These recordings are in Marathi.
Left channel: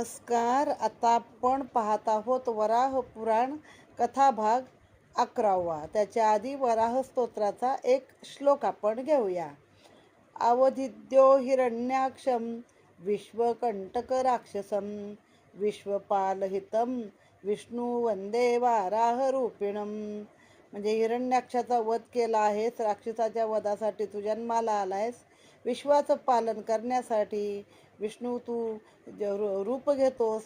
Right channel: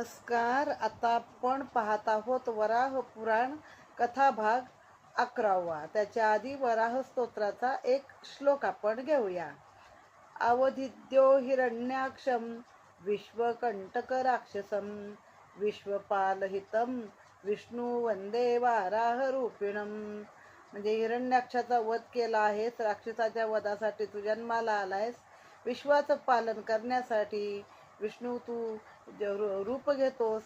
नमस्कार. आता आपण पाहत आहोत वराह पुराण कथा भाग 11वा. त्याच्या आधी वराह स्तोत्राचा एक श्लोक आपण घेऊया. अवधिद्यो हिरण्याक्षम विश्वकंटक राक्षसम विश्वपालहितम विष्णू वंदे वाराह रूपिणम. म्हणजे हिरण्याक्षाचा वध केला आहेस, राक्षसाच्या वधासाठी तू जन्माला आलायस, विश्वाचं पालन करण्यासाठी विष्णू तू रूप घेतोस,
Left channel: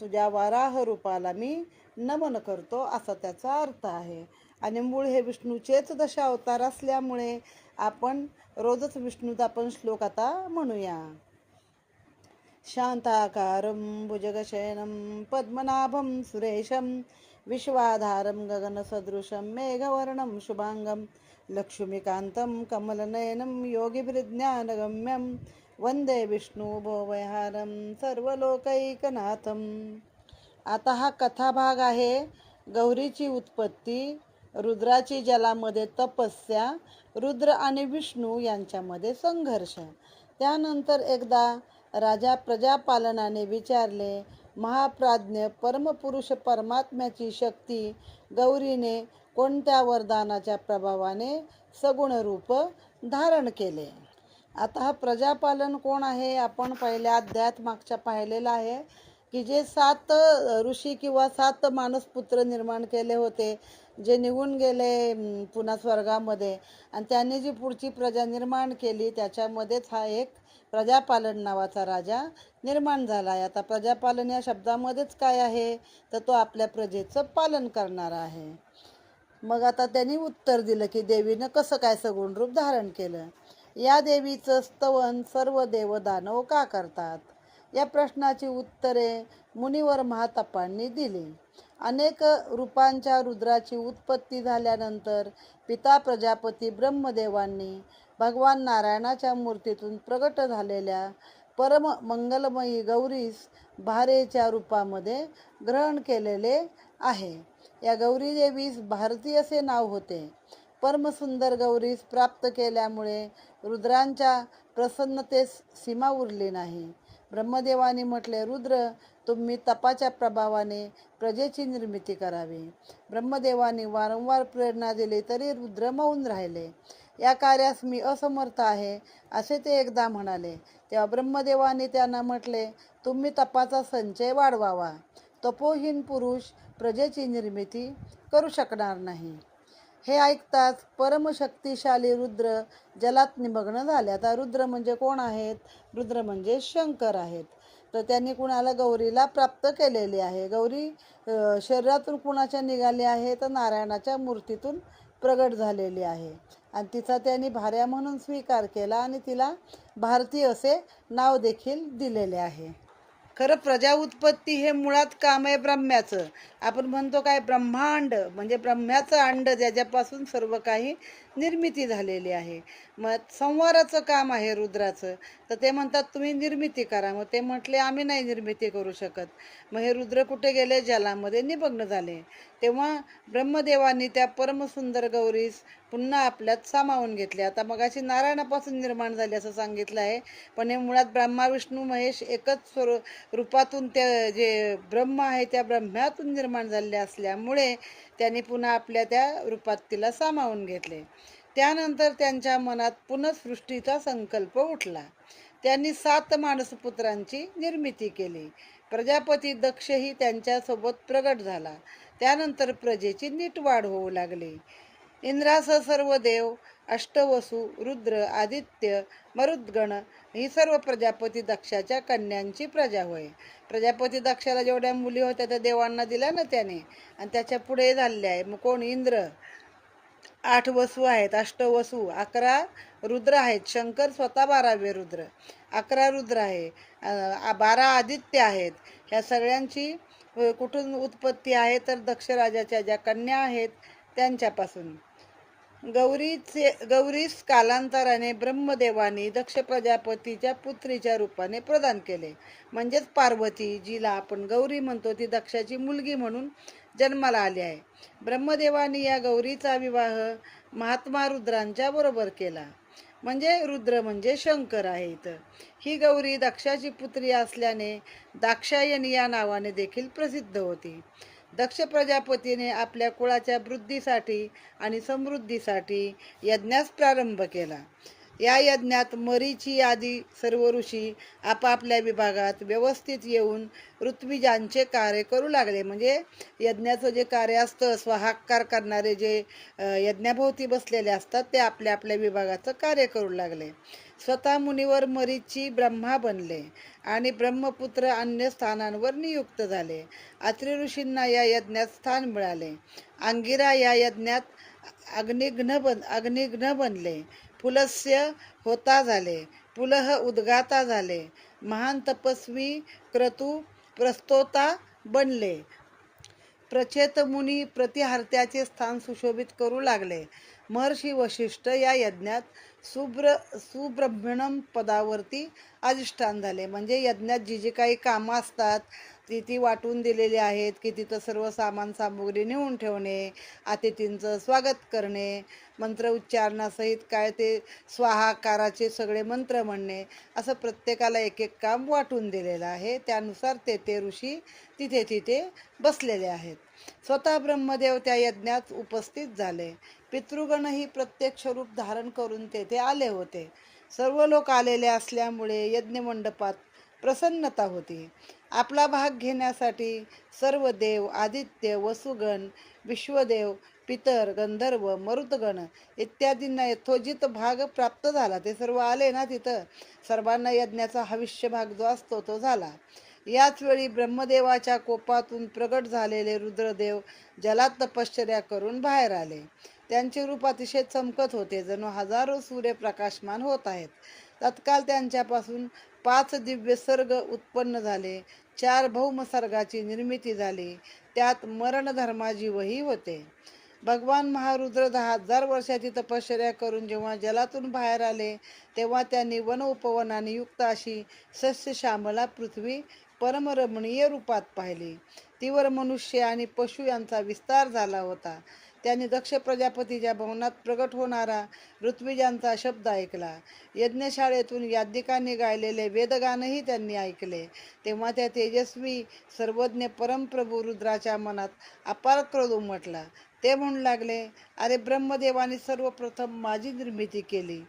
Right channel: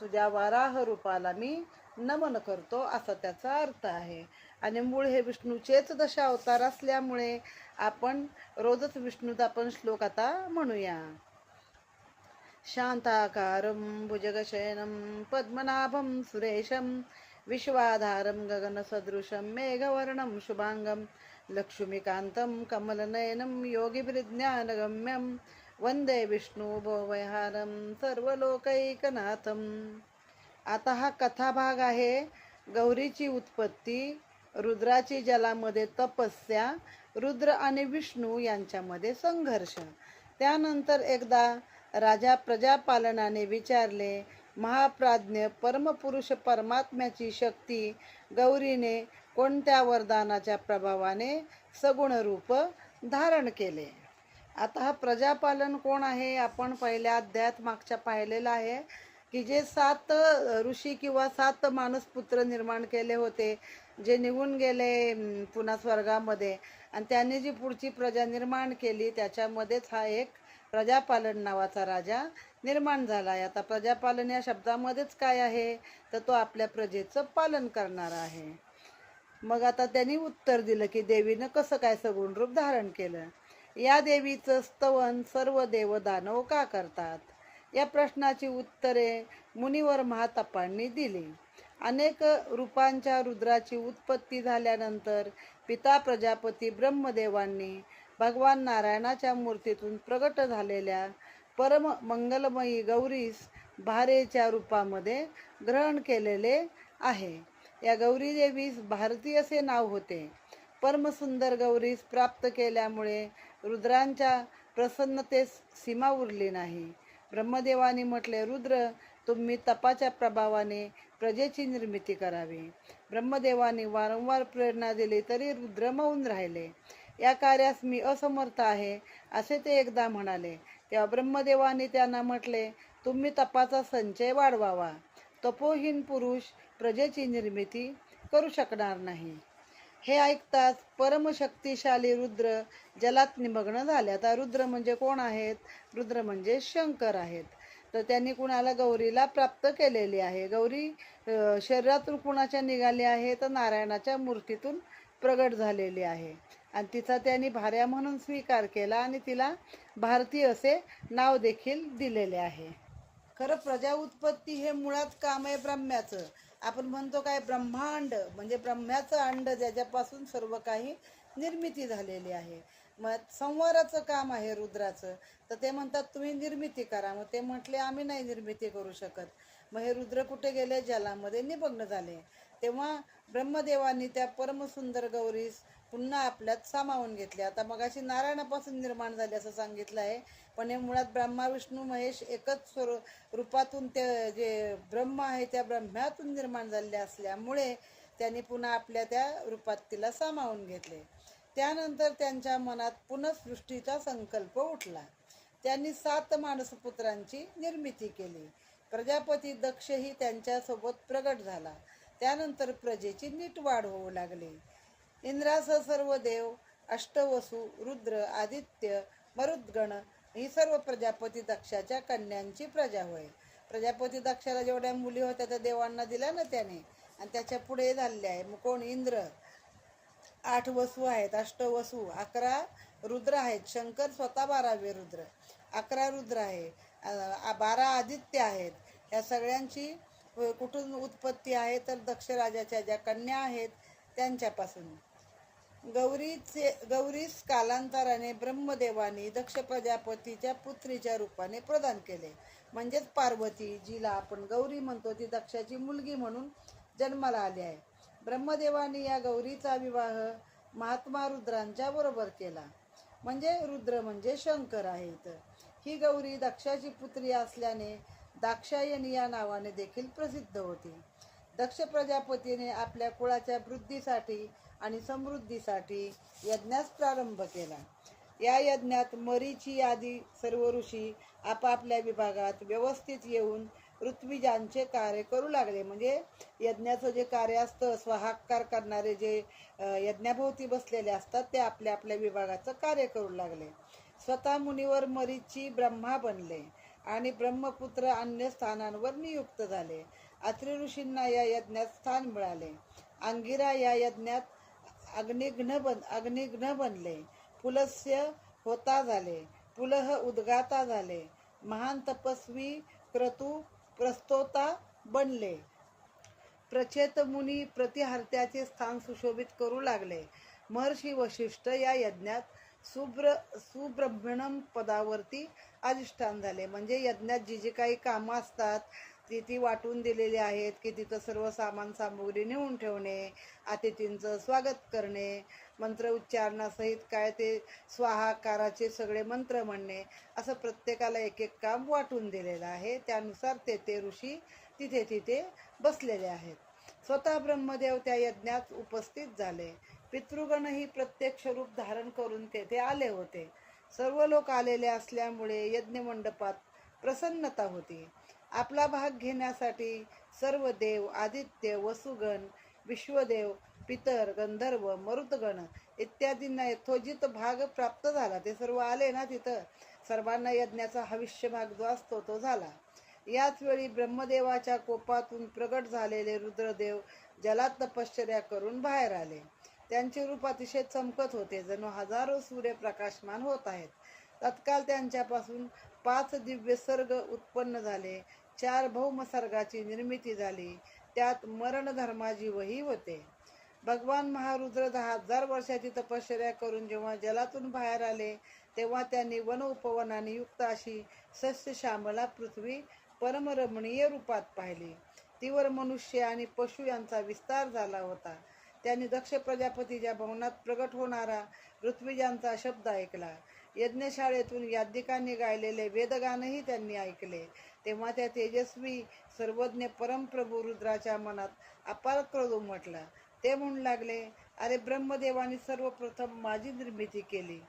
तुझ्या वाराह रूपाला मी नमन करतो, असा त्याचा अर्थ आहे. आणि मूळ हे विष्णूचेच दशावतार असल्यामुळे आपण रोजच विष्णूचा आपण श्लोक आता म्हणूया. शांताकारं भुजगशयनं पद्मनाभं सुरेशं विश्वाधारं गगनसदृशं मेघवर्णं शुभांगं लक्ष्मीकान्तं कमलनयनं योगिभिर्ज्ञानगम्यं वंदे विष्णू भवभयहारं सर्वलोकैकनाथं. आता हा कथाभाग आहे गौरीची उत्पत्ती, रुद्राची जलामध्ये तपस्या, रुद्र आणि विष्णू यांच्यामध्ये संघर्ष. त्यानंतर एकदा राजा प्रजापालनाने विचारले, महाप्राज्ञ परमपुरुष परमात्म्याची शक्ती गौरीने कोणत्या वरदानाच्या प्रभावाने सगुण रूप धारण केले. आता हा प्रजापालन कोण आहे, आपण पहिल्या अध्यायात मागच्या पाहिलेला आहे की जे 7 ऋषी किंवा 7 मानसपुत्र निर्माण केले होते, जे निघून गेले पुन्हा स्वर्गामध्ये, आणि त्यांनी जी पुढची प्रजा निर्माण केली त्याच्यामध्येच हा एक प्रजापालन नावाचा राजा निर्माण झाला आहे. आता प्रजापालन या शब्दामध्येच काय आहे, तर तो आपल्या प्रजेचं पालन करणारा आहे. मग आता त्यांनी उत्तर दिलं की देवीनं कसं काय सगुण रूप धारण केलं. या देवीचं स्तवन सर्व देव दानव का करतात, या प्रश्नाची उत्तरे मुनिवर महातपांनी दिली. अनेक रूपांच्या रुद्राची उत्पत्ती झाल्यानंतर पिता प्रजापती ब्रह्मदेवांनी भगवान नारायणाच्या मूर्तीतून प्रगट झालेल्या परम मंगलमयी गौरीस भारेच्या रूपामध्ये ग्रहण केलेले आहे. या गौरी देवीस भारती असे नाव होते. परमसुंदर गौरीस प्राप्त केल्यामुळे रुद्रांच्या प्रसन्नतेस सीमा उरली नाही. ब्रह्मदेवाने म्हटले, रुद्र, तुम्ही तपाच्या प्रभावाने प्रजेची निर्मिती करावी. ब्रह्मदेवाने वारंवार प्रेरणा दिली तरी रुद्र मौन राहिले. या कार्यास मी असमर्थ आहे असे ते एकदा म्हणाले. तेव्हा ब्रह्मदेवाने त्यांना म्हटले, तुम्ही तपाचा संचय वाढवावा. तपोहीन पुरुष प्रजेची निर्मिती करू शकणार नाही. हे ऐकताच परमशक्तिशाली रुद्र जलात निमग्न झाले. आता रुद्र म्हणजे कोण आहेत, रुद्र म्हणजे शंकर आहेत. तर त्यांनी कुणाला, गौरीला प्राप्त केलेली आहे. गौरी शरीरातून कुणाच्या निघाली आहे, तर नारायणाच्या मूर्तीतून प्रगट झालेली आहे. आणि तिचा त्यांनी भार्या म्हणून स्वीकार केला आणि तिला भारती असे नाव देखील दिलेले आहे. खरं प्रजा उत्पत्ती हे मुळात काम आहे ब्रह्म्याचं. आपण म्हणतो काय, ब्रह्मांड म्हणजे ब्रह्म्याचं अंड, ज्याच्यापासून सर्व काही निर्मिती झालेली आहे. मग संवाराचं काम आहे रुद्राचं. तर ते म्हणतात तुम्ही निर्मिती करा. मग ते म्हटले आम्ही नाही निर्मिती करू शकत. मग हे रुद्र कुठे गेले, जलामध्ये निमग्न झाले. तेव्हा ब्रह्मदेवांनी त्या परमसुंदर गौरीस पुन्हा आपल्यात सामावून घेतले. आता मगाशी नारायणापासून निर्माण झाले असं सांगितलं आहे, पण हे मुळात ब्रह्मा विष्णू महेश एकच रूपातून त्या जे ब्रह्म आहे त्या ब्रह्म्यातून निर्माण झाले असल्यामुळे त्यांनी पुन्हा आपल्या त्या रूपात तिला सामावून घेतले. त्यानंतर त्यांच्या मनात पुनःसृष्टीचा संकल्प उठला. त्यांनी 7 मानसपुत्रांची निर्मिती केली. प्रजापती दक्षही त्यांच्यासोबत प्रगट झाला. त्यानंतर प्रजेची नीट वाढ होऊ लागली. इंद्रासह सर्व देव, अष्टवसु, रुद्र, आदित्य, मरुद्गण ही सर्व प्रजापती दक्षाच्या कन्यांची प्रजा होय. प्रजापती दक्षाला जेवढ्या मुली होत्या त्या देवांना दिल्या ना त्याने, आणि त्याच्या पुढे झालेले आहे. मग कोण, इंद्र, 8 वसू आहेत, अष्टवसू, 11 रुद्र आहेत, शंकर स्वतः 12वे रुद्र, 11 रुद्र आहे, 12 आदित्य आहेत. ह्या सगळ्यांची कुठून उत्पत्ती आहे, तर दक्ष राजाच्या ज्या कन्या आहेत त्यांच्यापासून. गौरीस कालांतराने ब्रह्मदेवानी दक्ष प्रजापतीच्या पुत्रीच्या रूपाने प्रदान केले. म्हणजेच पार्वती, जिला आपण गौरी म्हणतो, ती दक्षाची मुलगी म्हणून जन्माला आली आहे. ब्रह्मदेवानी या गौरीचा विवाह महात्मा रुद्रांच्या बरोबर केला. म्हणजे रुद्र म्हणजे शंकर आहे इथं. ही गौरी दक्षाची पुत्री असल्याने दाक्षायणी या नावाने देखील प्रसिद्ध होती. दक्ष प्रजापतीने आपल्या कुळाच्या वृद्धीसाठी आणि समृद्धीसाठी यज्ञास प्रारंभ केला. या यज्ञात मरीची आदी सर्व ऋषी आपापल्या विभागात व्यवस्थित येऊन ऋत्विजांचे कार्य करू लागले. म्हणजे यज्ञाचं जे कार्य असतं, स्वाहाकार करणारे जे यज्ञाभोवती बसलेले असतात ते आपल्या आपल्या विभागाचं कार्य करू लागले. स्वतः मुनीवर मरीची ब्रह्मा बनले आणि ब्रह्मपुत्र अन्य स्थानांवर नियुक्त झाले. अत्रि ऋषींना या यज्ञात स्थान मिळाले. अंगिरा या यज्ञात अग्निघ्न बनले. पुलस्य होता झाले. पुलह उद्गाता झाले. महान तपस्वी क्रतू प्रस्तोता बनले. प्रचेत मुनी प्रतिहार्त्याचे स्थान सुशोभित करू लागले. महर्षी वशिष्ठ या यज्ञात सुब्रह्मण्यम पदावरती अधिष्ठान झाले. म्हणजे यज्ञात जी जी काही कामं असतात ती वाटून दिलेली आहेत की तिथं सर्व सामान सामुग्री नेऊन ठेवणे, अतिथींचं स्वागत करणे, मंत्र उच्चारणासहित काय ते स्वाहाकाराचे सगळे मंत्र म्हणणे, असं प्रत्येकाला एक एक काम वाटून दिलेलं आहे. त्यानुसार ते ऋषी तिथे तिथे बसलेले आहेत. स्वतः ब्रह्मदेव त्या यज्ञात उपस्थित झाले. पितृगणही प्रत्यक्ष रूप धारण करून तेथे आले होते. सर्व लोक आलेले असल्यामुळे यज्ञमंडपात प्रसन्नता होती. आपला भाग घेण्यासाठी सर्व देव, आदित्य, वसुगण, विश्वदेव, पितर, गंधर्व, मरुतगण इत्यादींना यथोचित भाग प्राप्त झाला. ते सर्व आले ना तिथं, सर्वांना यज्ञाचा हविष्य भाग जो असतो तो झाला. याच वेळी ब्रह्मदेवाच्या कोपातून प्रगट झालेले रुद्रदेव जलात तपश्चर्या करून बाहेर आले. त्यांचे रूप अतिशय चमकत होते, जणू हजारो सूर्य प्रकाशमान होत आहेत. तत्काल त्यांच्यापासून 5 दिव्य सर्ग उत्पन्न झाले. 4 भौम सर्गाची निर्मिती झाली. त्यात मरणधर्माजीवही होते. भगवान महारुद्र 10,000 वर्षाची तपश्चर्या करून जेव्हा जलातून बाहेर आले तेव्हा त्यांनी वन उपवनाने युक्त अशी सस्यश्यामला पृथ्वी परमरमणीय रूपात पाहिली. तीवर मनुष्य आणि पशु यांचा विस्तार झाला होता. त्यांनी दक्ष प्रजापतीच्या भवनात प्रगट होणारा ऋत्विजांचा शब्द ऐकला. यज्ञशाळेतून याज्ञिकांनी गायलेले वेदगानही त्यांनी ऐकले. तेव्हा त्या तेजस्वी सर्वज्ञ परमप्रभू रुद्राच्या मनात अपार क्रोध उमटला. ते म्हणू लागले, अरे ब्रह्मदेवाने सर्वप्रथम माझी निर्मिती केली.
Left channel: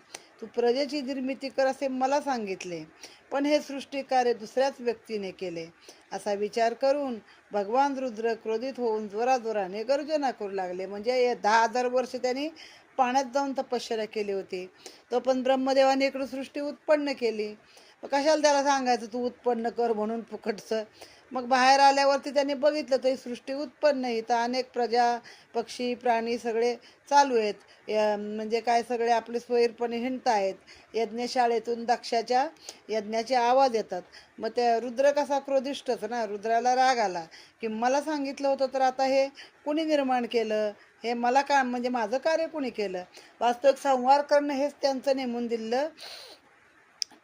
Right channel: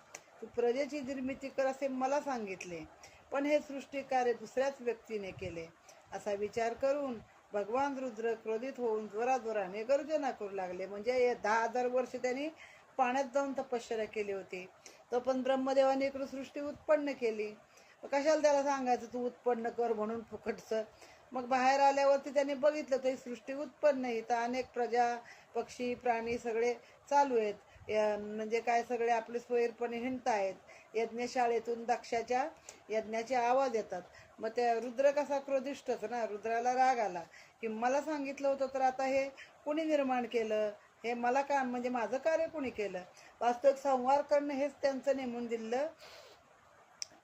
तू प्रजेची निर्मिती कर असे मला सांगितले, पण हे सृष्टिकार्य दुसऱ्याच व्यक्तीने केले. असा विचार करून भगवान रुद्र क्रोधित होऊन जोराजोराने गर्जना करू लागले. म्हणजे 10,000 वर्ष त्यांनी पाण्यात जाऊन तपश्चर्या केली होती. तो पण ब्रह्मदेवाने इकडं सृष्टी उत्पन्न केली. कशाला त्याला सांगायचं तू उत्पन्न कर म्हणून फुकटचं. मग बाहेर आल्यावरती त्यांनी बघितलं तर ही सृष्टी उत्पन्न आहे. तर अनेक प्रजा, पक्षी, प्राणी सगळे चालू आहेत. म्हणजे काय सगळे आपले स्वैरपणे हिंडत आहेत. यज्ञशाळेतून दक्षाच्या यज्ञाचे आवाज येतात. मग त्या रुद्र कसा क्रोधिष्ठच ना, रुद्राला राग आला की मला सांगितलं होतं तर आता हे कुणी निर्माण केलं, हे मला का म्हणजे माझं कार्य कुणी केलं. वास्तविक संहार करणं हेच त्यांचं नेमून दिलेलं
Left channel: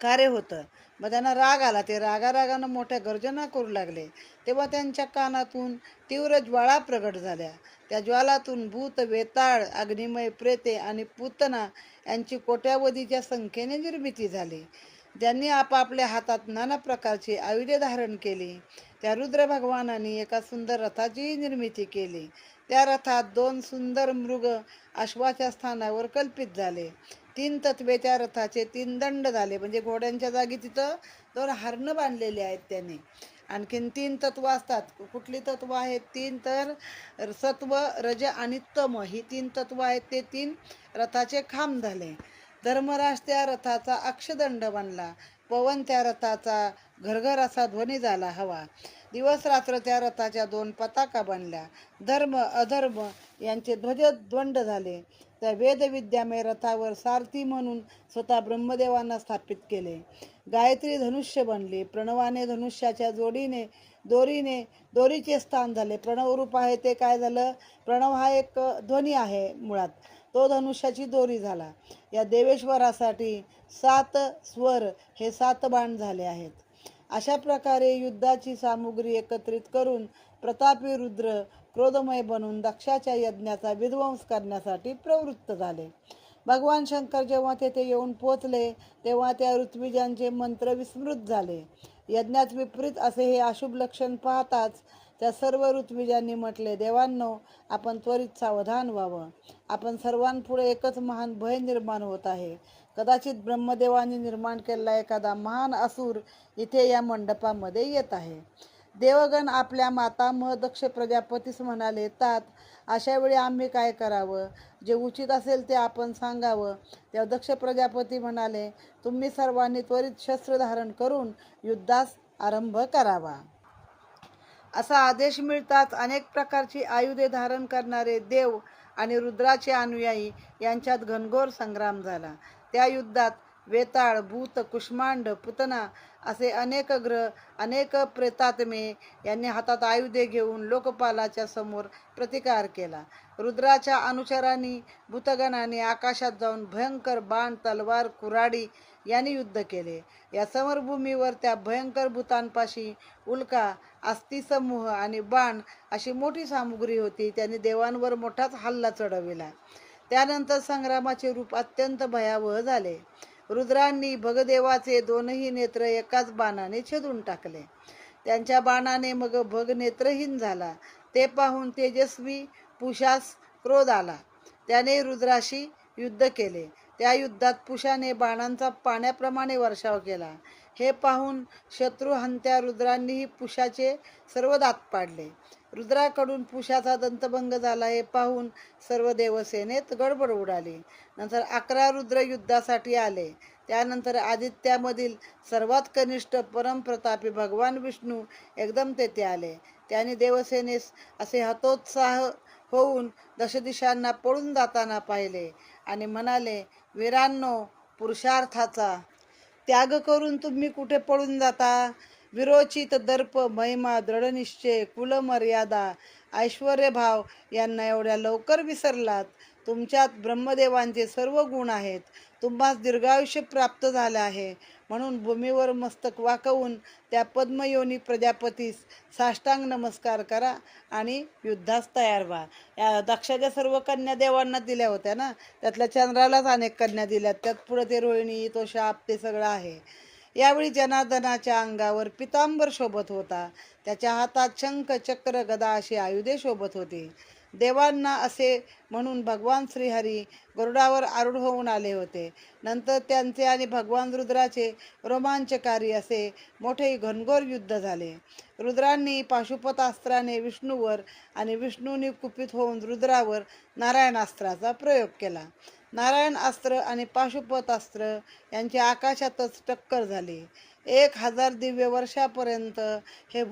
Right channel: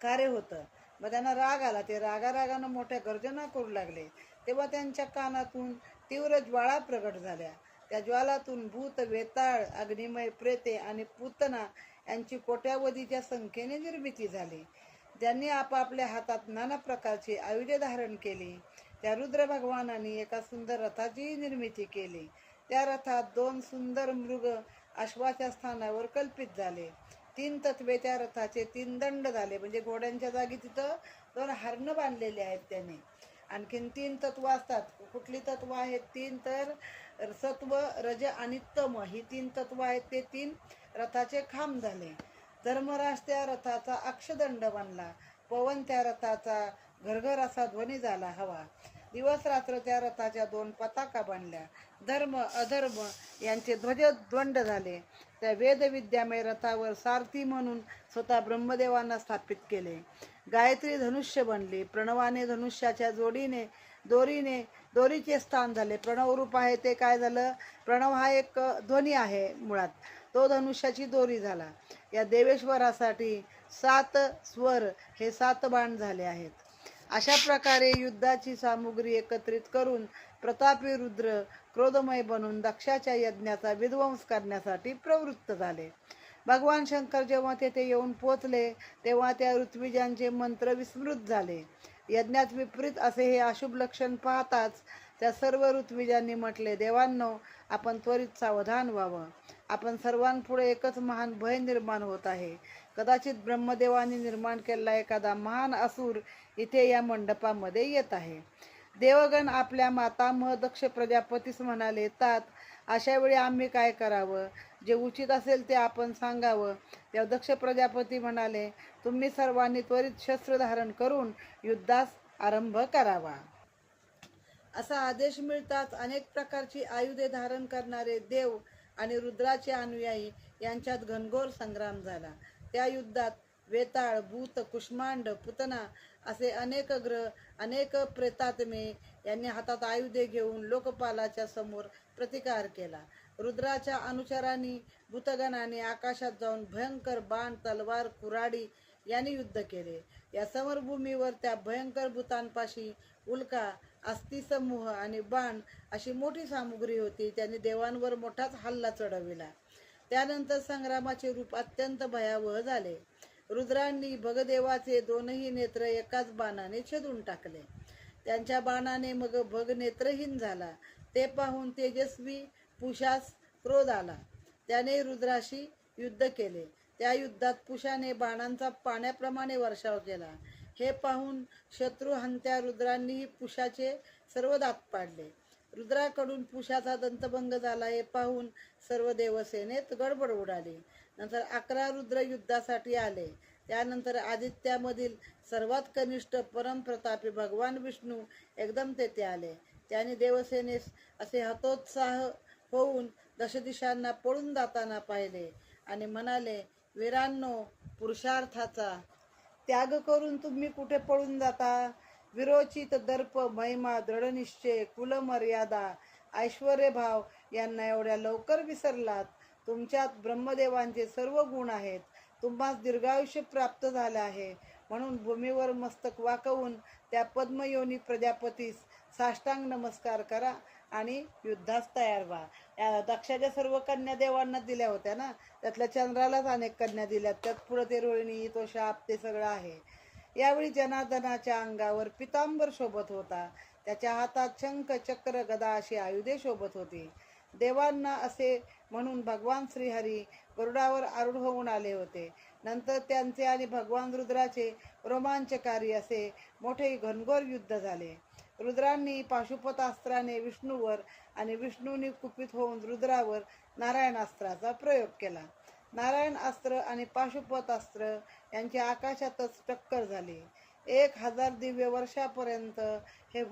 कार्य होतं. मग त्यांना राग आला. ते रागारागानं मोठ्या गर्जना करू लागले. तेव्हा त्यांच्या कानातून तीव्र ज्वाळा प्रगट झाल्या. त्या ज्वालातून भूत, वेताळ, अग्निमय प्रेते आणि पूतना यांची कोट्यावधीच्या संख्येने निर्मिती झाली. ज्यांनी आपापल्या हातात नाना प्रकारची आयुधे धारण केली. त्या रुद्र भगवानांनी एका सुंदर रथाचीही निर्मिती केली. त्या रथात 2 सुंदर मृग अश्वाच्या स्थानावर कल्पित झाले. 3 तत्वे त्या रथाचे 3 दंड झाले. म्हणजे घोड्यांच्या जागी तिथं 2 हरणं बांधलेली आहेत त्याने. आणखीन 3 तत्व असतात. कुठली तत्व आहेत? 3 तर सत्व, रज आणि तम ही 3 तत्व आहेत. ते 3 रथाचे खांब झाले. धर्मराज त्या रथाचा अक्षदंड बनला. पवन त्या रथाचा घरघर असा ध्वनी झाला हवा. दिवस रात्र त्या रथाच्या 2 पताका बनल्या. धर्म अधर्म यांचे ध्वजदंड झाले. त्या वेदविद्यामय रथावर सारथी म्हणून स्वतः ब्रह्मदेवांना स्थापित केले. गायत्री धनुष्य बनली. प्रणवाने धनुष्याच्या दोरीचे स्थान झाले. प्रणवरूप आहे ते काय झालं? प्रणव हा एक ध्वनी आहे मुळात, तो धनुष्याची दोरी झाला. या देवेश्वरासाठी 7 स्वर हे 7 बाण झाले आहेत. अशा प्रकारे युद्धाची सामुग्री एकत्रित करून प्रतापी रुद्र क्रोधमय बनून दक्षाच्या यज्ञाचा विध्वंस करण्यासाठी प्रवृत्त झाले. भगवान शंकर जेव्हा तेथे येऊन पोचले तेव्हा त्या ऋत्विजांचे मंत्र विस्मृत झाले. यज्ञात विपरीत असे हे अशुभ लक्षण पाहताच त्या सर्व ऋत्विजांनी म्हटले, देवांनो, आपण त्वरित सावधान व्हावं. आपण सर्वांपुढे एकच महान भय निर्माण होत आहे. कदाचित ब्रह्मदेवांनी निर्माण केलेला एखादा महान असुर इथे या मंडपामध्ये येत आहे. देवगण आपल्या मातामह दक्ष प्रजापतीस म्हणाले, तात, अशा वेळी आम्ही काय करावं? जे उचित असेल ते आपण सांगावं. तेव्हा दक्ष प्रजापती म्हणाले, तुम्ही सर्वांनी त्वरित शस्त्र धारण करून युद्धास आरंभ करावा. असा आदेश मिळताच अनेक प्रकारची आयुधे धारण करणारे देव आणि रुद्राचे अनुयायी यांच्यात घनघोर संग्राम झाला. त्या युद्धात वेताळ, भूत, कुष्मांड, पुतना असे अनेक ग्रह, अनेक प्रेतात्मे यांनी हातात आयुधे घेऊन लोकपालाच्या समोर प्रतिकार केला. रुद्राच्या अनुचरांनी, भूतगणांनी आकाशात जाऊन भयंकर बाण, तलवार, कुऱ्हाडी यांनी युद्ध केले. या समरभूमीवर त्या भयंकर भूतांपाशी उल्का, अस्थिसमूह आणि बाण अशी मोठी सामुग्री होती. त्यांनी देवांवर मोठाच हल्ला चढविला. त्यानंतर संग्रामाचे रूप अत्यंत भयावह झाले. रुद्रांनी भगदेवाचे दोनही नेत्र एकाच बाणाने छेदून टाकले. त्यांच्या बाणाने मग भग नेत्रहीन झाला. ते पाहून तेजस्वी पुषास क्रोध आला. त्याने रुद्राशी युद्ध केले. त्या युद्धात पुषाने बाणांचा पाण्याप्रमाणे वर्षाव केला. हे पाहून शत्रुहंत्या रुद्रांनीही पुषाचे सर्व दात पाडले. रुद्राकडून पुषाचा दंतभंग झाला हे पाहून सर्व देवसेनेत गडबड उडाली. नंतर 11 रुद्र युद्धासाठी आले. त्यानंतर आदित्यामधील सर्वात कनिष्ठ परमप्रतापी भगवान विष्णू एकदम तेथे आले. त्याने देवसेनेस असे हतोत्साह होऊन दशदिशांना पळून जाताना पाहिले आणि म्हणाले, वीरांनो, पुरुषार्थाचा त्याग करून तुम्ही कुठे पळून जाता? विरोचित दर्प, महिमा, दृढनिश्चय, कुलमर्यादा, ऐश्वर्यभाव यांना एवढ्या लवकर विसरलात? तुमच्यात ब्रह्मदेवांचे सर्व गुण आहेत. तुम्हास दीर्घायुष्य प्राप्त झाले आहे. म्हणून भूमीवर मस्तक वाकवून त्या पद्मयोनी प्रजापतीस साष्टांग नमस्कार करा आणि युद्धास तयार व्हा. या दक्षाच्या सर्व कन्या देवांना दिल्या होत्या ना, त्यातल्या चंद्रालाच अनेक कन्या दिल्यात. त्यात पुढे ते रोहिणी, तो शाप, ते सगळं आहे. यावेळी जनार्दनाच्या अंगावर पितांबर शोभत होता. त्याच्या हातात शंख, चक्र, गदा अशी आयुधे शोभत होती. देवांना असे म्हणून भगवान श्रीहरी गरुडावर आरूढ होऊन आले होते. नंतर त्यांचे आणि भगवान रुद्राचे रोमांचकारी असे मोठे घनघोर युद्ध झाले. रुद्रांनी पाशुपतास्त्राने विष्णूवर आणि विष्णूंनी कुपित होऊन रुद्रावर नारायणास्त्राचा प्रयोग केला. नारायण अस्त्र आणि पाशुपतास्त्र यांची आकाशातच टक्कर झाली. 1000 दिव्य वर्षापर्यंत हे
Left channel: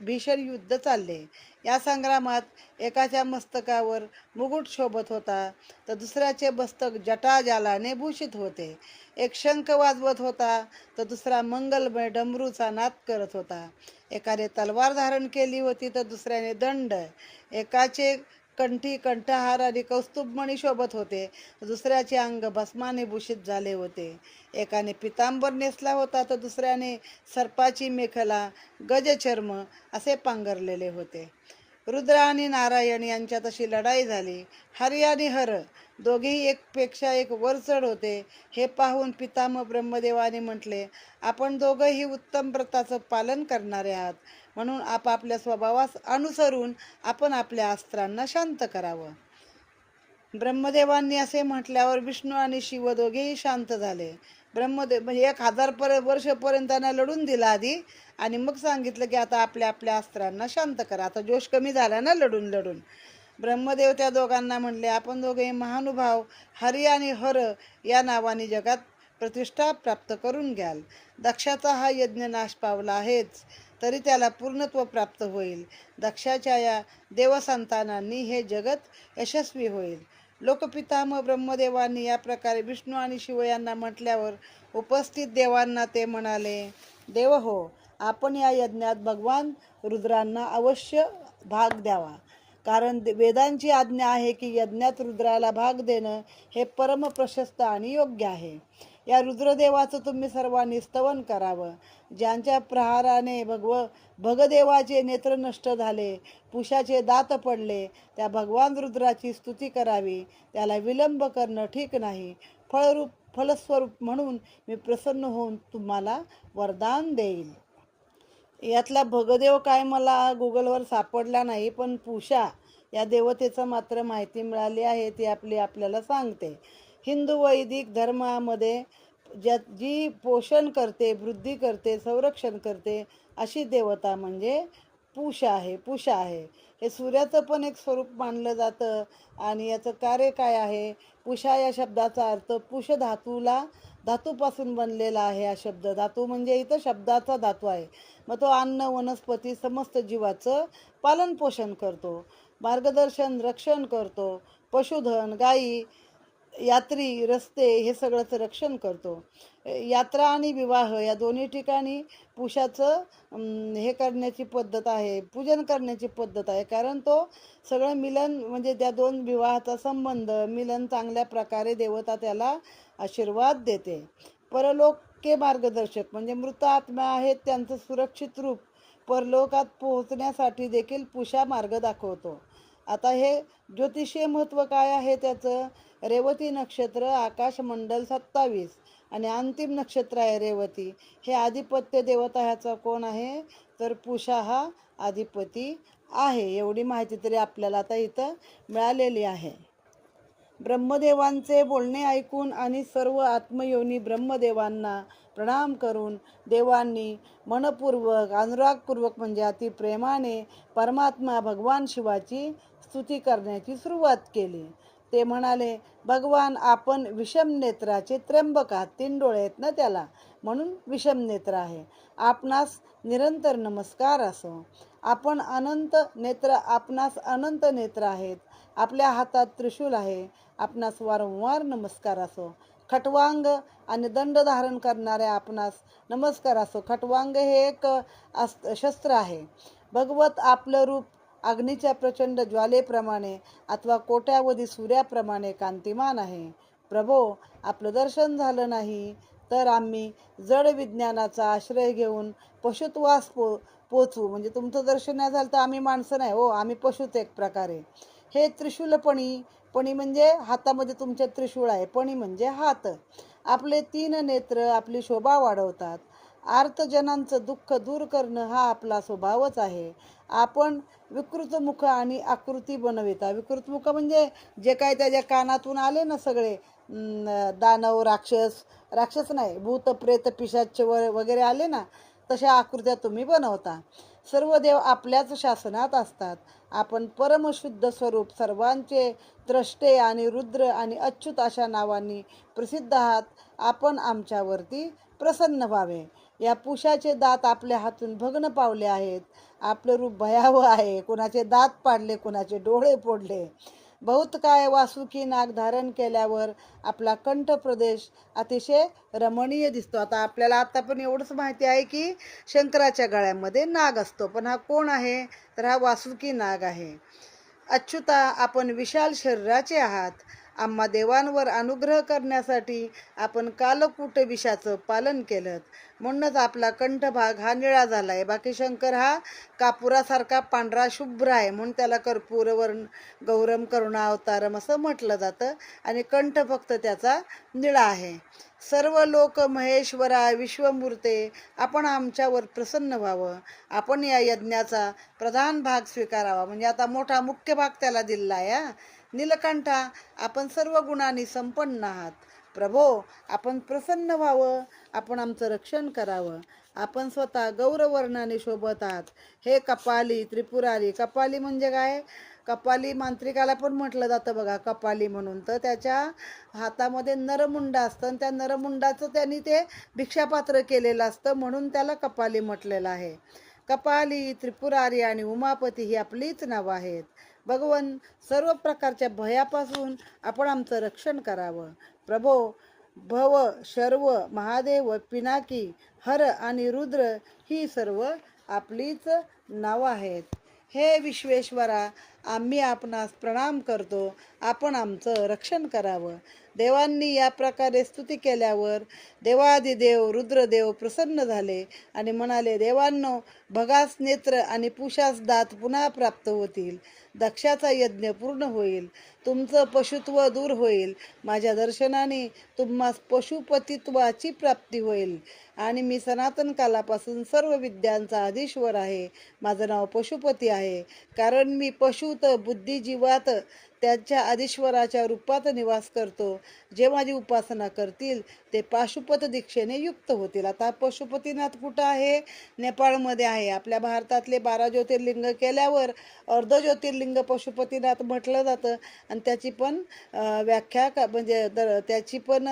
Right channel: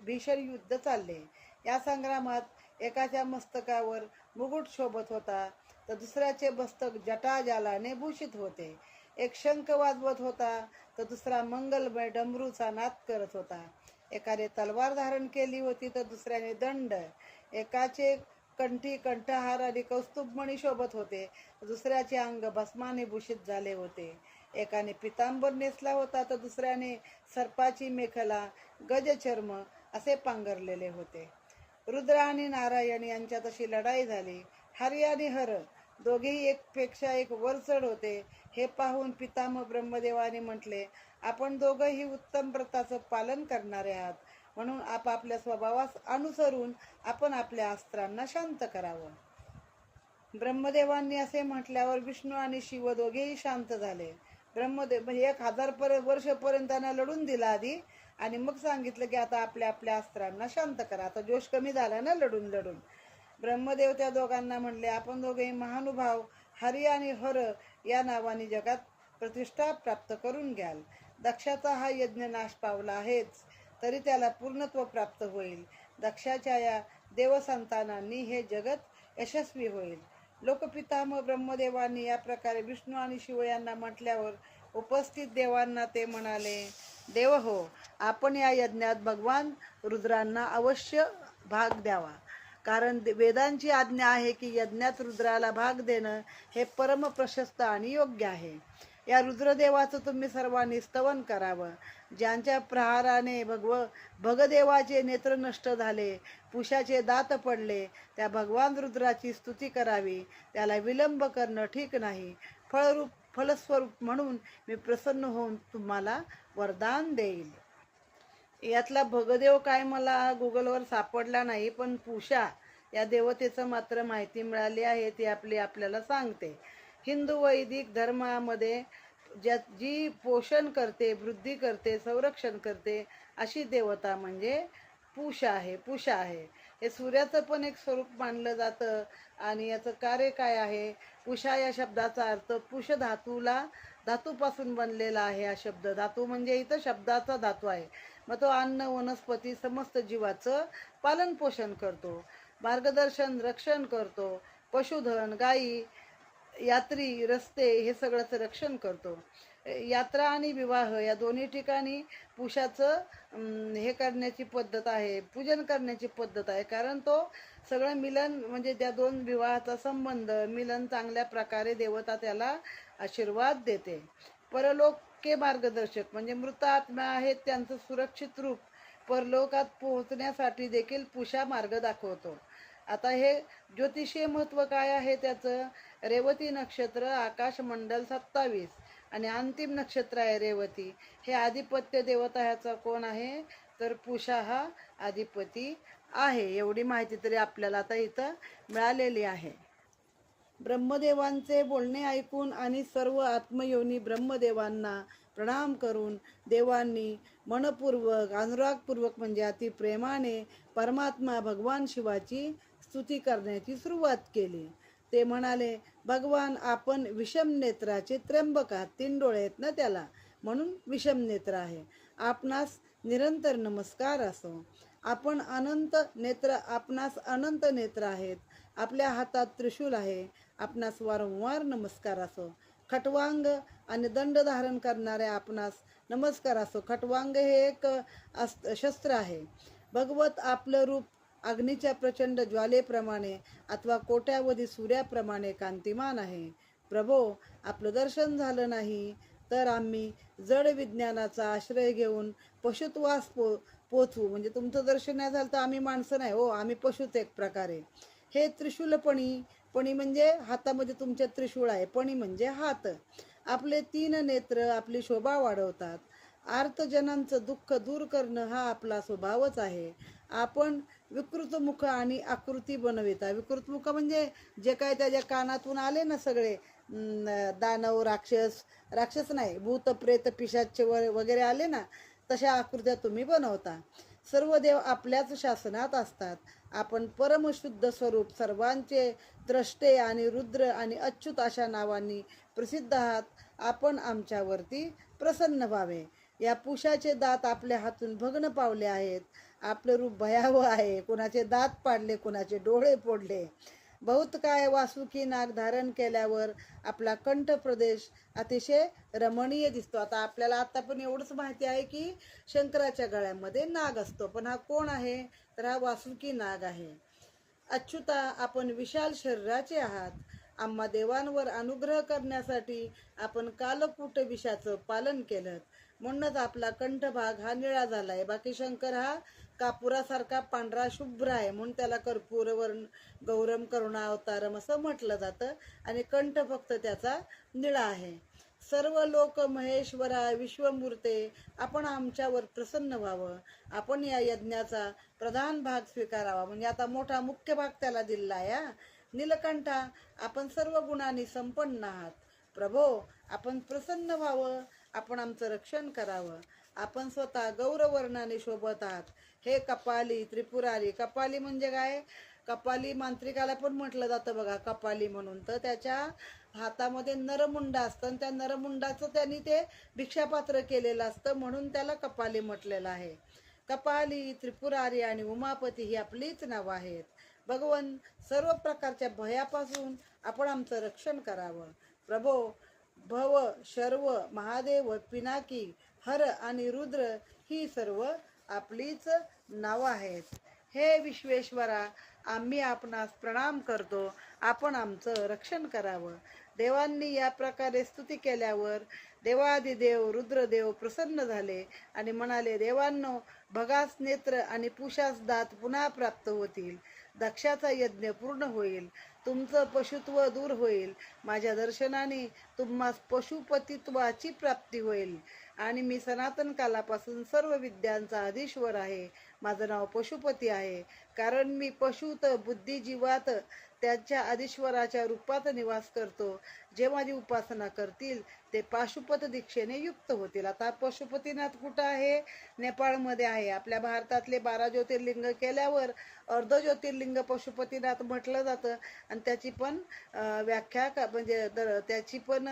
भीषण युद्ध चालले. या संग्रामात एकाच्या मस्तकावर मुकुट शोभत होता तर दुसऱ्याचे मस्तक जटाजालाने भूषित होते. एक शंख वाजवत होता तर दुसरा मंगलमय डमरूचा नाद करत होता. एकाने तलवार धारण केली होती तर दुसऱ्याने दंड. एकाचे कंठी कंठहार आणि कौस्तुभमणी शोभत होते तर दुसऱ्याचे अंग भस्माने भूषित झाले होते. एकाने पितांबर नेसला होता तर दुसऱ्याने सर्पाची मेखला, गजचर्म असे पांघरलेले होते. रुद्र आणि नारायण यांच्यात अशी लढाई झाली. हरी आणि हर दोघेही एकपेक्षा एक वर चढ होते. हे पाहून पितामह ब्रह्मदेवाने म्हटले, आपण दोघंही उत्तम व्रताचं पालन करणारे आहात. म्हणून आपापल्या स्वभावास अनुसरून आपण आपल्या अस्त्रांना शांत करावं. ब्रह्मदेवांनी असे म्हटल्यावर विष्णू आणि शिव दोघेही शांत झाले. ब्रह्मदेव म्हणजे 1000 वर्षपर्यंत त्यांना लढून दिला आधी आणि मग सांगितलं की आता आपल्या आपल्या अस्त्रांना शांत करा. आता जोश कमी झाला ना लढून लढून. ब्रह्मदेव त्या दोघांना म्हणले, आपण दोघे महानुभाव हरी आणि हर या नावाने जगात प्रतिष्ठा प्राप्त करून घ्याल. दक्षाचा हा यज्ञ नाश पावला आहेच तरी त्याला पूर्णत्व प्राप्त होईल. दक्षाच्या या देवसंतानांनी हे जगत यशस्वी होईल. लोकपितामह ब्रह्मदेवांनी या प्रकारे विष्णू आणि शिव यांना म्हटल्यावर उपस्थित देवांना ते म्हणाले, देव हो, आपण या यज्ञात भगवान रुद्रांना अवश्य भाग द्यावा. कारण वेदांची आज्ञा आहे की यज्ञात रुद्राला भाग देणं हे परम प्रशस्त आणि योग्य आहे. या रुद्रदेवाचं तुम्ही सर्वांनी स्तवन करावं. ज्यांच्या प्रहाराने भगदेवाचे नेत्र नष्ट झाले, पुषाचे दात पडले, त्या भगवान रुद्राची स्तुती करावी. त्याला विलंब करणं ठीक नाही. फलस्वरूप म्हणून मी प्रसन्न होऊन तुम्हाला वरदान देईल. यातला भगदेव काय मला गुगलवर सापडला नाही, पण पुषा या देवतेचं मात्र माहिती मिळाली आहे. ती आपल्याला सांगते. हिंदू वैदिक धर्मामध्ये जी पोषण करते, वृद्धी करते, संरक्षण करते अशी देवता म्हणजे पुषा आहे. हे सूर्याचं पण एक स्वरूप मानलं जातं. आणि याचं कार्य काय आहे? पुषा या शब्दाचा अर्थ पुष धातूपासून बनलेला आहे. हा शब्द धातू म्हणजे इथं शब्दाचा धातू आहे. मग तो अन्न, वनस्पती, समस्त जीवाचं पालन पोषण करतो, मार्गदर्शन, रक्षण करतो. पशुधन, गायी, यात्री, रस्ते हे सगळंच रक्षण करतो. यात्रा आणि विवाह या दोन्ही ठिकाणी पुषाचं हे करण्याची पद्धत आहे, पूजन करण्याची पद्धत आहे. कारण तो सगळं मिलन म्हणजे त्या दोन विवाहाचा संबंध, मिलन चांगल्या प्रकारे देवता त्याला आशीर्वाद देते. परलोके मार्गदर्शक म्हणजे मृत आत्मा आहेत त्यांचं सुरक्षित रूप परलोकात पोहोचण्यासाठी देखील पुषा मार्ग दाखवतो. आता हे ज्योतिषीय महत्त्व काय आहे त्याचं? रेवती नक्षत्र, आकाशमंडल 27 आणि अंतिम नक्षत्र आहे रेवती. हे आधिपत्य देवता ह्याचा कोण आहे? तर पुषा हा अधिपती आहे. एवढी माहिती तरी आपल्याला आता इथं मिळालेली आहे. ब्रह्मदेवांचे बोलणे ऐकून आणि सर्व आत्मयोनी ब्रह्मदेवांना प्रणाम करून देवांनी मनपूर्वक, अनुरागपूर्वक म्हणजे अति प्रेमाने परमात्मा भगवान शिवाची स्तुती करण्याची सुरुवात केली. ते म्हणाले, भगवान आपण विषम नेत्राचे त्र्यंबक आहात. 3 डोळे आहेत ना त्याला, म्हणून विषम नेत्र आहे. आपणास निरंतर नमस्कार असो. आपणास अनंत नेत्र आहेत. आपल्या हातात त्रिशूल आहे. आपणास वारंवार नमस्कार असो. खटवांग आणि दंड धारण करणाऱ्या आपणास नमस्कार असो. खटवांग हे एक शस्त्र आहे. भगवत आपलं रूप अग्नीच्या प्रचंड ज्वालेप्रमाणे अथवा कोट्यावधी सूर्याप्रमाणे कांतिमान आहे. प्रभो, आपलं दर्शन झालं नाही तर आम्ही जड विज्ञानाचा आश्रय घेऊन पशुत्वास पोचू. म्हणजे तुमचं दर्शन नाही झालं तर आम्ही माणसं नाही हो, आम्ही पशुत एक प्रकारे. हे त्रिशूलपणी, पणी म्हणजे हातामध्ये तुमच्या त्रिशूळ आहे, पणी म्हणजे हात. आपले 3 नेत्र आपली शोभा वाढवतात. आर्तजनांचं दुःख दूर करणं हा आपला स्वभावच आहे. आपण विकृतमुख आणि आकृती बनविता. विकृतमुख म्हणजे जे काय त्याच्या कानातून आले ना सगळे दानव, राक्षस नाही, भूत, प्रेत, पिशाच वगैरे आले ना, तशा आकृत्या तुम्ही बनवता. सर्व देव आपल्याच शासनात असतात. आपण परमशुद्ध स्वरूप, सर्वांचे द्रष्टे आणि रुद्र आणि अच्युत अशा नावांनी प्रसिद्ध आहात. आपण आमच्यावरती प्रसन्न व्हावे. या पुषाचे दात आपल्या हातून भग्न पावले आहेत. आपलं रूप भयावह आहे. कुणाचे दात पाडले, कुणाचे डोळे फोडले. बहुत काय वासुकी नाग धारण केल्यावर आपला कंठ प्रदेश अतिशय रमणीय दिसतो. आता पण एवढंच माहिती आहे की शंकराच्या गळ्यामध्ये नाग असतो, पण हा कोण आहे? तर हा वासुकी नाग आहे. अच्युता, आपण विशाल शरीराचे आहात. आम्हा देवांवर अनुग्रह करण्यासाठी आपण कालकूट विषाचं पालन केलं, म्हणूनच आपला कंठभाग हा निळा झाला आहे. बाकी शंकर हा कापुरासारखा पांढरा शुभ्र आहे, म्हणून त्याला कर्पूरवर्ण गौरम करुणा अवतारम असं म्हटलं जातं. आणि कंठ फक्त त्याचा निळा आहे. सर्व लोक महेश्वरा, विश्वमूर्ते, आपण आमच्यावर प्रसन्न व्हावं. आपण या यज्ञाचा प्रधान भाग स्वीकारावा. म्हणजे आता मोठा मुख्य भाग त्याला दिला आहे. नीलकंठा, आपण सर्व गुणांनी संपन्न आहात. प्रभो, आपण प्रसन्न व्हावं. आपण आमचं रक्षण करावं. आपण स्वतः गौरवर्णाने शोभत आहात. हे कपाली, त्रिपुरारी. कपाली म्हणजे काय? कपाली मांत्रिकाला पण म्हटलं जातं बघा, कपाली म्हणून. तर त्याच्या हातामध्ये नरमुंड असतं आणि त्या नरमुंडाचं त्यांनी ते भिक्षापात्र केलेलं असतं, म्हणून त्याला कपाली म्हटलेलं आहे. कपाली, त्रिपुरारी आणि उमापती ही आपलीच नावं आहेत. भगवन, सर्व प्रकारच्या भयापासून आपण आमचं रक्षण करावं. प्रभो, भव, शर्व, महादेव, पिनाकी, हर आणि रुद्र ही सर्व आपलीच नावं आहेत. हे विश्वेश्वरा, आम्ही आपणास प्रणाम करतो. आपण आमचं रक्षण करावं. देवांनी या प्रकारे स्तुती केल्यावर देवादिदेव रुद्रदेव प्रसन्न झाले आणि म्हणाले, देवांनो, भगास नेत्र आणि पुषास दात पुन्हा प्राप्त होतील. दक्षाचा यज्ञ पूर्ण होईल. तुमचं पशुत्व दूर होईल. माझ्या दर्शनाने तुम्हास पशुपतित्वाची प्राप्ती होईल. आणि मी सनातन कालापासून सर्व विद्यांचा अधीश्वर आहे. माझं नाव पशुपती आहे. कारण मी पशुत बुद्धिजीवात त्यांच्या अधीश्वराच्या रूपात निवास करतो. जे माझी उपासना करतील ते पाशुपत दीक्षेने युक्त होतील. आता पशुपतीनाथ कुठं आहे? नेपाळमध्ये आहे. आपल्या भारतातले 12 ज्योतिर्लिंग केल्यावर अर्ध ज्योतिर्लिंग पशुपतीनाथ म्हटलं जातं. आणि त्याची पण व्याख्या म्हणजे त्याची पण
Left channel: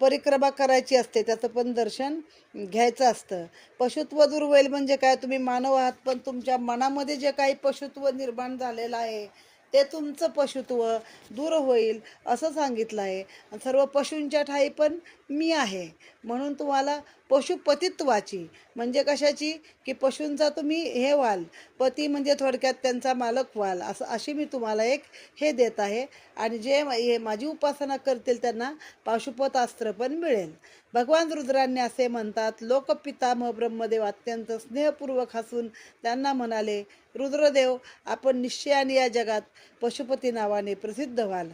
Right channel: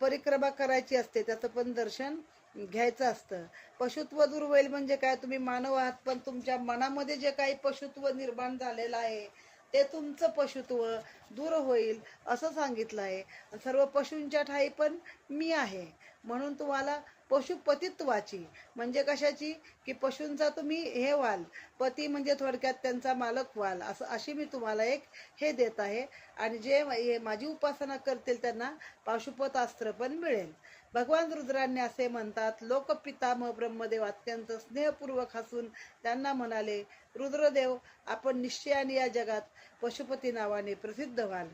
परिक्रमा करायची असते. त्याचं पण दर्शन घ्यायचं असतं. पशुत्व दूर होईल म्हणजे काय? तुम्ही मानव आहात, पण तुमच्या मनामध्ये जे काही पशुत्व निर्माण झालेलं आहे ते तुमचं पशुत्व दूर होईल असं सांगितलं आहे. आणि सर्व पशूंच्या ठाई पण मी आहे. म्हणून तुम्हाला पशुपतित्वाची म्हणजे कशाची? की पशूंचा तुम्ही हे व्हाल. पती म्हणजे थोडक्यात त्यांचा मालक व्हाल, अशी मी तुम्हाला एक हे देत आहे. आणि जे माझी उपासना करतील त्यांना पाशुपतास्त्र पण मिळेल. भगवान रुद्रांनी असे म्हणतात, लोकपितामह ब्रह्मदेव अत्यंत स्नेहपूर्वक हसून त्यांना म्हणाले, रुद्रदेव, आपण निश्चयाने या जगात पशुपती नावाने प्रसिद्ध व्हाल.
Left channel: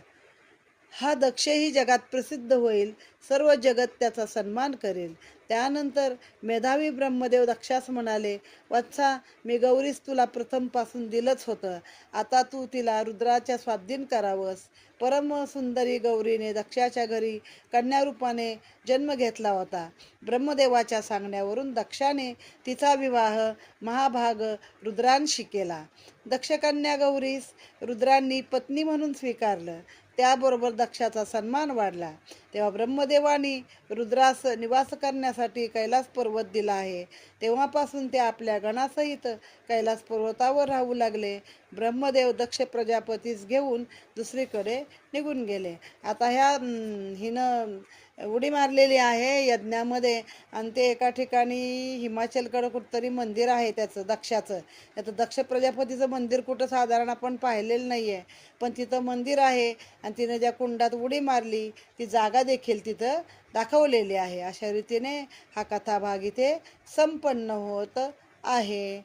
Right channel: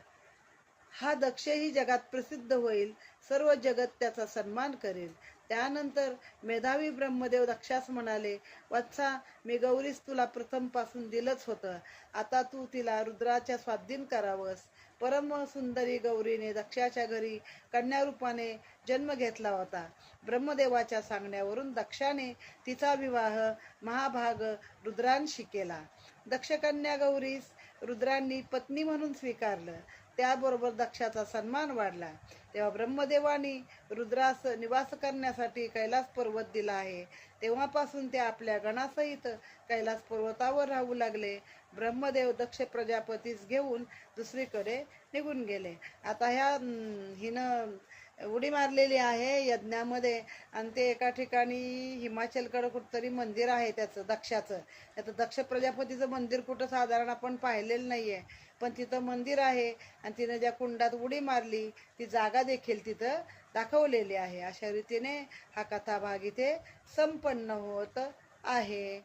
हा दक्षही जगात प्रसिद्ध होईल. सर्व जगत त्याचा सन्मान करेल. त्यानंतर मेधावी ब्रह्मदेव दक्षास म्हणाले, वत्सा, मी गौरीस तुला प्रथमपासून दिलंच होतं. आता तू तिला रुद्राच्या स्वाधीन करावंस. परम सुंदरी गौरीने दक्षाच्या घरी कन्यारूपाने जन्म घेतला होता. ब्रह्मदेवाच्या सांगण्यावरून दक्षाने तिचा विवाह महाभाग रुद्रांशी केला. दक्षकन्या गौरीस रुद्रांनी पत्नी म्हणून स्वीकारलं. त्याबरोबर दक्षाचा सन्मान वाढला. तेव्हा ब्रह्मदेवानी रुद्रास निवास करण्यासाठी कैलास पर्वत दिला आहे. तेव्हापासून ते आपल्या गणासहित कैलास पर्वतावर राहू लागले. ब्रह्मदेव दक्ष प्रजापतीस घेऊन दुसरीकडे निघून गेले. आता हिनं उडी मारलेली आहे यज्ञामध्ये. आणि ते एका ठिकाणी हिमाचलकडं कुठंतरी मंदिर आहे त्याचं, दक्षाचं. त्याचं दक्ष प्रजापतीचं मंदिर कुठं साधारण आपण पाहिलेलं नाही आहे, पण तिथं मंदिर आहे. आणि तिनं ज्या कुंडात उडी मारली ती जागा देखील तिथं दाखवलेली आहे. अशा रीतीने हा कथाभाग इथे संपन्न होत आहे.